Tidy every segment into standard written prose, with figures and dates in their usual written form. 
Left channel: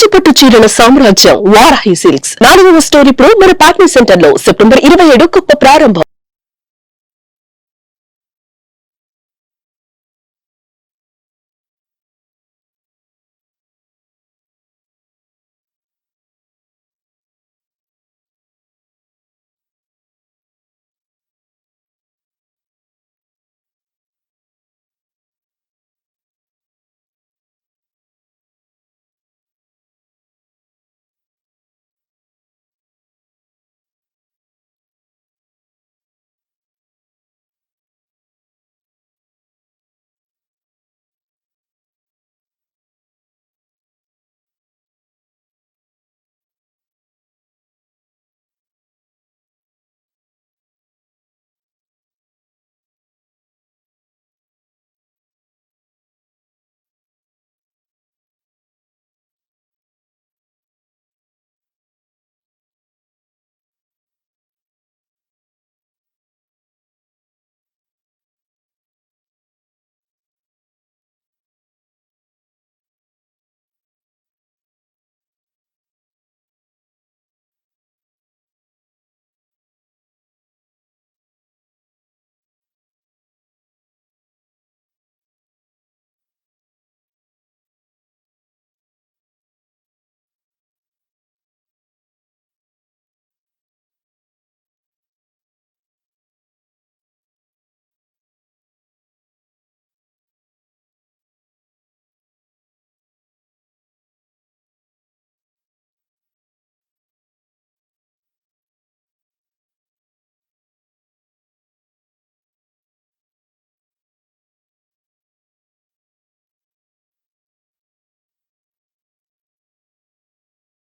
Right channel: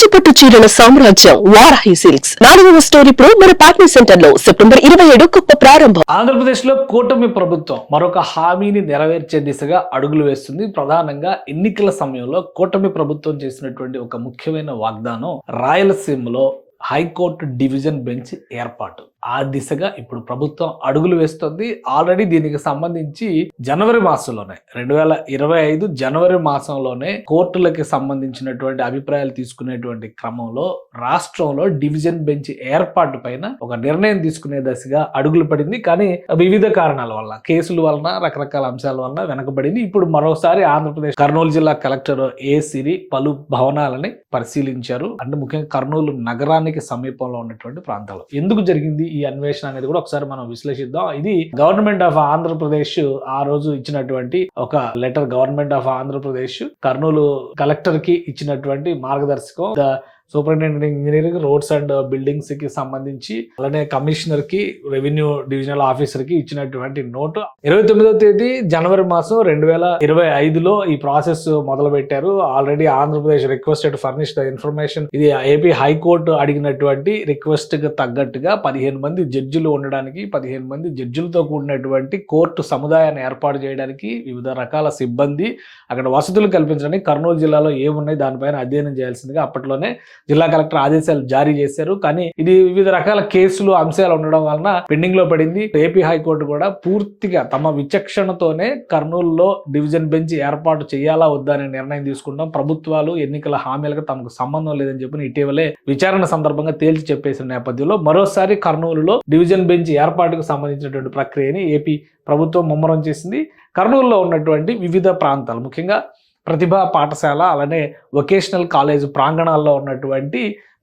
కంచిపట్టు చీరల సామ్రాజ్యం వారాహి సిల్క్స్ 4వ స్టోర్ ఇప్పుడు మన పార్ట్నర్ సెంటర్ లో సెప్టెంబర్ 27 గొప్ప ప్రారంభం. ఆంధ్రప్రదేశ్ లో కూటమి ప్రభుత్వం మరొక హామీని నెరవేర్చే దిశగా అడుగులు వేస్తుంది. ప్రధానంగా ఎన్నికల సమయంలో కూటమి ప్రభుత్వం చేసినటువంటి ఒక ముఖ్యమైన వాగ్దానం రాయలసీమలో హైకోర్టు డివిజన్ బెంచ్ ఏర్పాటు. ఆ దిశగా ఇప్పుడు ప్రభుత్వం అడుగులు వేస్తుంది. ఆల్రెడీ దీనికి సంబంధించి జనవరి మాసంలోనే 2025 జనవరి మాసంలోనే కోర్టులకి సంబంధించినటువంటి అభిప్రాయాలు తీసుకునేటువంటి క్రమంలో రాష్ట్రంలో డివిజన్ బెంచ్ ఏర్పాటు పైన ఒక నిర్ణయం తీసుకునే దశగా అడుగులు పడింది. కానీ వివిధ కారణాల వల్ల, కేసుల వలన, రకరకాల అంశాల వలన వెనకబడింది. ఇప్పుడు మరోసారి ఆంధ్రప్రదేశ్ కర్నూలు జిల్లా కలెక్టర్ ఏ సిరి పలు భవనాలని పరిశీలించారు. అంటే ముఖ్యంగా కర్నూలు నగరానికి సమీపంలో ఉన్నటువంటి ప్రాంతాలు. ఎందుకు జరిగింది ఈ అన్వేషణ అనేది కూడా ఒకసారి మనం విశ్లేషిద్దాం. ఇది గవర్నమెంట్ ఆఫ్ ఆంధ్రప్రదేశ్ ఆ రోజు ఇచ్చినటువంటి ఒక letter. Government of Andhra Pradesh Kurnool collector కి ఇచ్చినటువంటి మార్గదర్శకం. Superintendent engineering, roads and buildings కి సంబంధించి, అలానే కమిషనర్ కి, రెవెన్యూ డివిజనల్ ఆఫీసర్ కి ఇచ్చినటువంటి నోటు 29వ తేదీ జనవరి మాసం 2025లో ఈ ప్రాసెస్ మొదలు పెట్టారు. Already Andhra Pradesh requested furnish the information. ఇది ఏపీ హైకోర్టు అడిగినటువంటి రిక్వెస్ట్ కి తగ్గట్టుగా 15 మంది జడ్జిలు ఉండడానికి, 15 మంది జడ్జిలతో కూడినటువంటి కోర్టు సముదాయాన్ని ఏర్పాటు చేయడానికి, వివిధ రకాల సిబ్బంది, అక్కడ వసతులు కల్పించడానికి కర్నూలు జిల్లాలో ఏమున్నాయి దానిపైన అధ్యయనం చేయాల్సిందిగా అప్పట్లోనే జిల్లా కలెక్టర్ ఆదేశాలు జారీ చేశారు. కానీ ఇది వివిధ రకాల కేసులు, అంశాలు ఉండడం వలన పెండింగ్ లో పడింది. ఏపీ హైకోర్టు కూడా పూర్తిగా తమ విచక్షణతోనే కర్నూలులో డివిజన్ బెంచ్ ఏర్పాటు చేయాలా వద్దా అనే నిర్ణయం తీసుకుంటాం. ప్రభుత్వాలు ఎన్నికల హామీలకు తమకు సంబంధం లేదని చెప్పి ఇటీవలే విచారణ సందర్భంగా తేల్చి చెప్పేసిన నేపథ్యంలో మరోసారి కర్నూలులో డివిజన్ బెంచ్ ఏర్పాటుకు సంబంధించినటువంటి ప్రక్రియని ఏపీ ప్రభుత్వం ముమ్మరం చేసింది. కర్నూలులో ఉన్నటువంటి వివిధ ప్రాంతాలు, ముఖ్యంగా ప్రతిభా పాఠశాల, అలానే వొకేషనల్ కాలేజ్ ప్రాంగణాల్లో ఉన్నటువంటి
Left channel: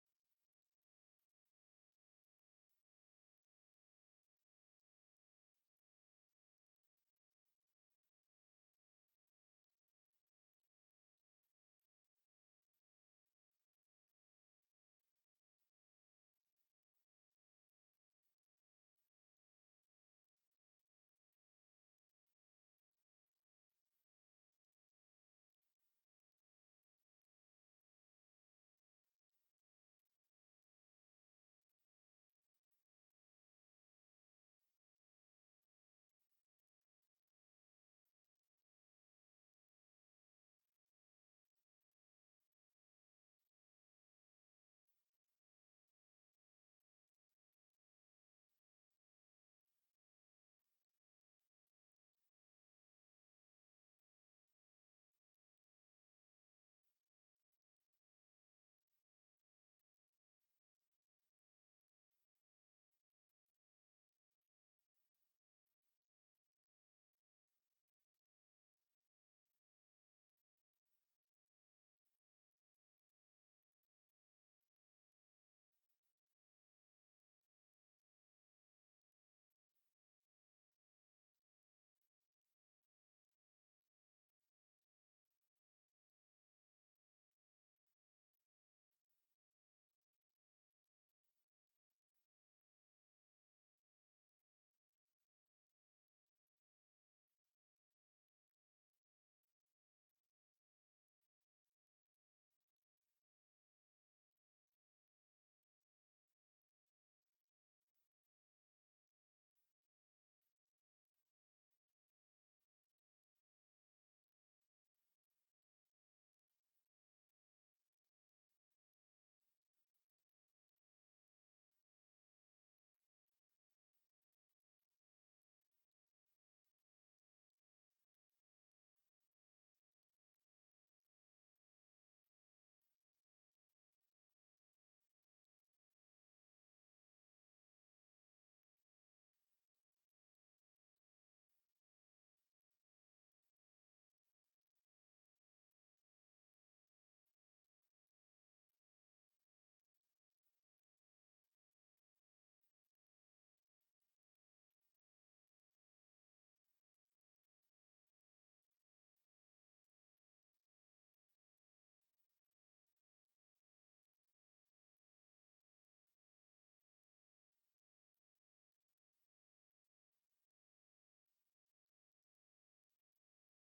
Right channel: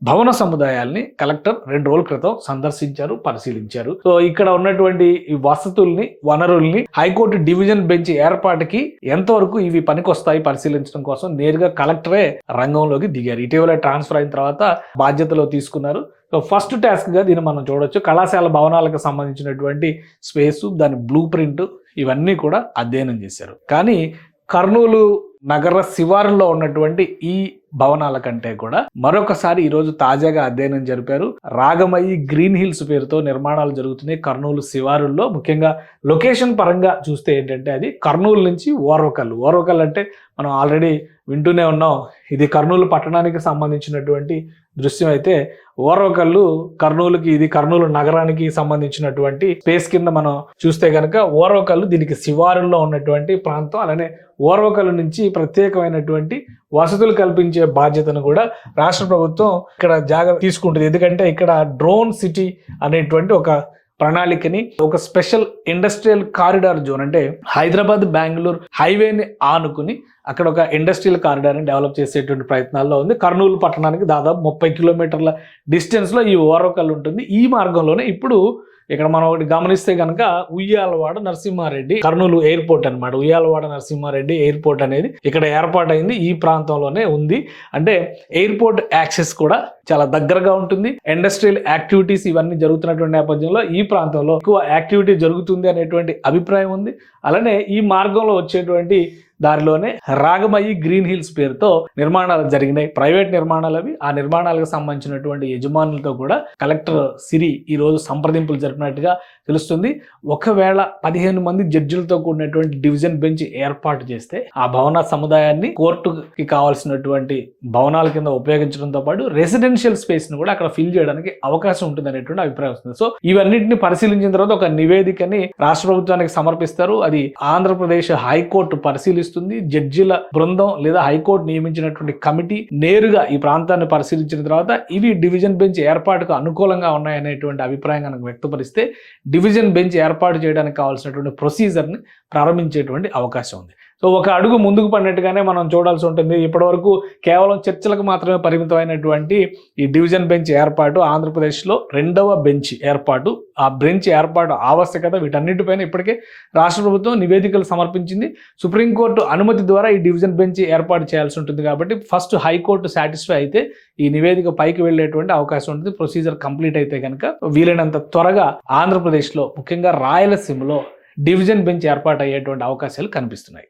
భవన సముదాయాల్ని కలెక్టర్ 2 రోజుల క్రితం సందర్శించారు, పరిశీలించారు. సో ఇక్కడ ఉన్నటువంటి ఈ వసతుల్ని, వనరుల్ని హైకోర్టు డివిజన్ బెంచ్ ఏర్పాటుకి ఎంతవరకు ఇవి పనికొస్తాయి పరిశీలించడం కోసం నేరుగా కలెక్టరే రంగంలోకి దిగారు. ఇటీవల ట్రాన్స్ఫర్ అయిన తర్వాత బాధ్యతలో తీసుకున్నారు. సో ఫస్ట్ టాస్క్ గా దీన్ని మనం చూడొచ్చు. కళాశాల భవనాలకు సంబంధించినటువంటి స్పేసు, దాని బ్లూ ప్రింట్, ఇవన్నీ కూడా అధ్యయనం చేశారు. కానీ కర్నూలు నగర శివారులో ఉన్నటువంటి ఈ భవనాల కంటే కూడా మరొకసారి ఈరోజు తాజాగా అధ్యయనం జరిపారు. రాగమయి గ్రీన్ హిల్స్ పేరుతో నిర్మాణాలు జరుగుతున్నాయి కర్నూలు శివారుల్లో. ముఖ్యంగా లొకేషన్ పరంగా చూస్తే ఏంటంటే అది కర్నూలు నుంచి ఓర్వకల్లు. ఓర్వకల్లు అంటే మనం ఆల్రెడీ వింటూనే ఉన్నాం. ఇది కర్నూలు పట్టణానికి సంబంధించినటువంటి దృశ్యం అయితే ఓర్వకల్లు కర్నూలుకి, ఇది కర్నూలు నగరానికి సంబంధించినటువంటి స్పేస్ కింద మనం చూస్తే కనుక ఓర్వకల్లు దీనికి శివారుల్లో ఉన్నటువంటి ప్రాంతం. అలానే ఓర్వకల్లు నుంచి ప్రత్యేకమైనటువంటి వసతులు కల్పించే బాధ్యతను కూడా రాష్ట్ర ప్రభుత్వం ఇక్కడ జాగ్రత్త తీసుకుంటుంది. ఎందుకంటే ఇక్కడ డ్రోన్ సిటీ అనేటువంటి ఒక ప్రణాళికని, ఒక స్పెషల్ ఇండస్ట్రియల్ కారిడార్ జోన్, అంటే హైదరాబాద్ బెంగళూరు హైవేని ఆనుకుని అక్కడ ఒక ఇండస్ట్రియల్ కారిడార్ని డెవలప్ చేసేటువంటి ప్రయత్నాల్లో ఉంది. కర్నూలు పట్టణానికి దాదాపు 30 కిలోమీటర్ల డిస్టెన్స్లో ఈ ఓర్వకల్లు ఉంటుంది. ఈ మార్గంలోనే ఇప్పుడు ఇక్కడ మనం ఒకటి గమనిస్తే కనుక ఉయ్యాలవాడ నరసింహారెడ్డి, కర్నూలు ఎయిర్పోర్ట్ అనమాట. ఉయ్యాలవాడ నరసింహారెడ్డి ఎయిర్పోర్ట్ అనేది ఇక్కడ ఏర్పాటైంది, ఈ ప్రాంతంలోనే ఉంది. అంటే ఎయిర్పోర్ట్ యాక్సెస్ కూడా చాలా దగ్గరగా ఉంటుంది. ఇండస్ట్రియల్ యాక్టివిటీస్ ఇవన్నీ జరుగుతున్నటువంటి నేపథ్యంలో ఈ ప్రాంతంలో ఎక్కువ యాక్టివిటీ జరుగుతుంది అనేటువంటి అభిప్రాయం ఉంది. అలానే ఈ మార్గంలో వచ్చేటువంటి దారిలోనే రాగమయి గ్రీన్ హిల్స్ పేరుతో నిర్మాణాలు జరిగినాయి. ప్రైవేట్ నిర్మాణాలు అవి. ఆ నిర్మాణాలకు సంబంధించినటువంటి యజమానులతో కూడా కలెక్టర్ సిరి ఈ రోజు సంప్రదింపులు జరిపినట్టుగా తెలుస్తుంది. ఒకవేళ 15 మంది జడ్జిలతో కూడినటువంటి డివిజన్ బెంచ్ ఏర్పాటు చేస్తే ఆ భవన సముదాయాన్ని కోర్టుకి కావాల్సినటువంటి భవనాల కింద ఉపయోగించడంతో పాటు రెసిడెన్షియల్ స్పేస్ ని కూడా అక్కడ ఫిల్ చేయడానికి అవకాశం ఉంటుంది అనేటువంటి అభిప్రాయం వస్తుంది. సో ఇవన్నింటిని పరిశీలించిన తర్వాత ఒక నివేదికని రాష్ట్ర ప్రభుత్వానికి సమర్పిస్తారు. అది ఆంధ్రప్రదేశ్ హైకోర్టు పరిశీలిస్తుంది. జడ్జిల బృందం లేదా హైకోర్టు నియమించినటువంటి కమిటీ నేరుగా ఈ ప్రాంతాన్ని పరిశీలించిన తర్వాత ఇవి డివిజన్ బెంచ్ ఏర్పాటుకు అనుకూలంగా ఉన్నాయనేటువంటి అభిప్రాయం కనుక వ్యక్తపరిస్తే డివిజన్ బెంచ్ ఏర్పాటు చేయడానికి కావాల్సినటువంటి ప్రొసీజర్ని ప్రారంభించేటువంటి అవకాశం ఉంది. సో ఒక అడుగు ముందుకు పడినట్టుగానే మనం చూడాల్సి ఉంటుంది. ఇప్పటివరకు కేవలం చర్చలకు మాత్రమే పరిమితమైనటువంటి ఈ డివిజన్ బెంచ్ ఏర్పాటు, ఆంధ్రప్రదేశ్లో 2వ బెంచ్ ఏర్పాటు, ఆ బెంచ్ ఏర్పాటు ఆవశ్యకత, వీటన్నిటిపైన ఇప్పటికే రాష్ట్ర ప్రభుత్వం నివేదికలు సమర్పించింది. సుప్రీంకోర్టు అనుమతి ద్వారా ఈ డివిజన్ బెంచ్ ఏర్పాటు చేయాల్సి ఉంటుంది. కాబట్టి ఫస్ట్ హైకోర్టు సాటిస్ఫై అయితే ఈ నివేదిక పైకి వెళ్లేటువంటి అవకాశం ఉంటుంది. ప్రొసీజర్ కంప్లీట్ అయితే కనుక వీలైనంత త్వరగా ఆంధ్రప్రదేశ్లో, ముఖ్యంగా రాయలసీమలో డివిజన్ బెంచ్ ఏర్పాటు అయ్యేటువంటి అవకాశాలు కనిపిస్తున్నాయి.